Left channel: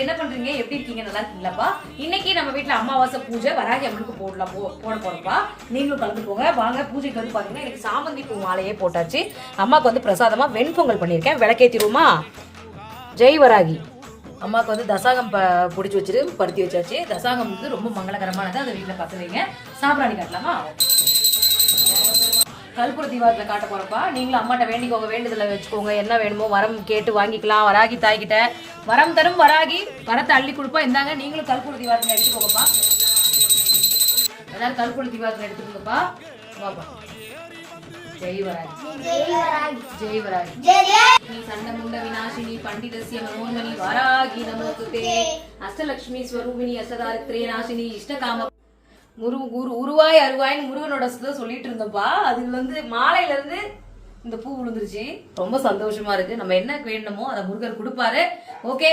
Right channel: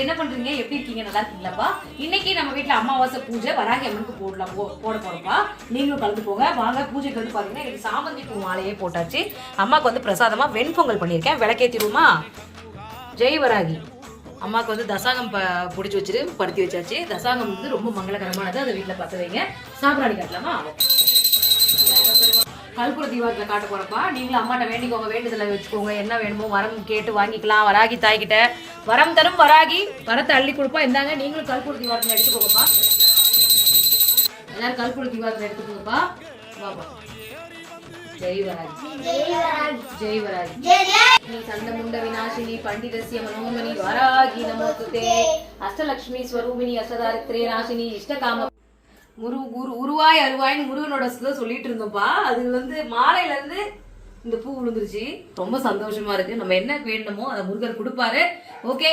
என்ன பண்றீங்க, எப்படி இருக்கீங்க, நல்லா இருக்கீங்களாப்பா? இன்னைக்கு நம்ம வீட்டுல அமாவாசை பூஜை, வராகி அம்மனுக்கு போட போறோம்ப்பா. நீங்களும் கலந்து போங்க. வாங்க. பூஜைக்கு வந்து பாத்தீங்கன்னா எனக்கு சாமந்தி பூ மாலையே போட்டாச்சு. அம்மாவுக்கு வந்து பிரசாதமா வெண்பொங்கல் பண்ணியிருக்கேன். விளக்கேத்திருமா? ஜெய் வராகி. அம்மாவுக்கு வந்து தசாகம் பிடிச்சி வச்சுட்டு படுத்தி வச்சாச்சு. தசாகம் வந்து ரொம்ப மங்களகரமானது. அதை வீட்டுல பத்து வைங்க. சாம்பிராணி காட்டலாமா? கல்புர தீபாவளியில் காட்ட போறப்பா. நீங்களும் அம்மாட்ட வேண்டிக்கோங்க, வேண்டுதலை வச்சுக்கோங்க. என்ன வேணுமோ வரம் கேட்டு வாங்கிக்கலாம். வராகி தாய்கிட்ட வரம் தரும் வராகி வரத்தை அள்ளி கொடுப்பா. இருந்தாங்க நீங்களும் கல்புர தீபாவளியில் எடுத்துக்கோங்கப்பா. எல்லாரும் கல்புர தீபாவளியில் எடுத்துக்கோங்கப்பா. வாப்பா. ஜெய் வராகி. ஜெய் வராகி. சண்டமுண்ட விநாசினி பண்டிதஸ்ய மனோன்மணி வராகி நமஸ்தே. அஷ்டலட்சுமி ஸ்வரூபிணி அஷ்டதாரித்ரே நாசினி இஷ்டகாம உருவாய் அருவாய்னு முருகனோட சொல்லிட்டு இருந்தோம்ப்பா. அது வந்து மாலையில இருந்து இந்த பூ விழுந்துருச்சு. ரொம்ப சந்தோஷமா இருக்கு. நம்ம என்ன வேணுமோ அதை முருகன் கொடுப்பாரு. ஓகே.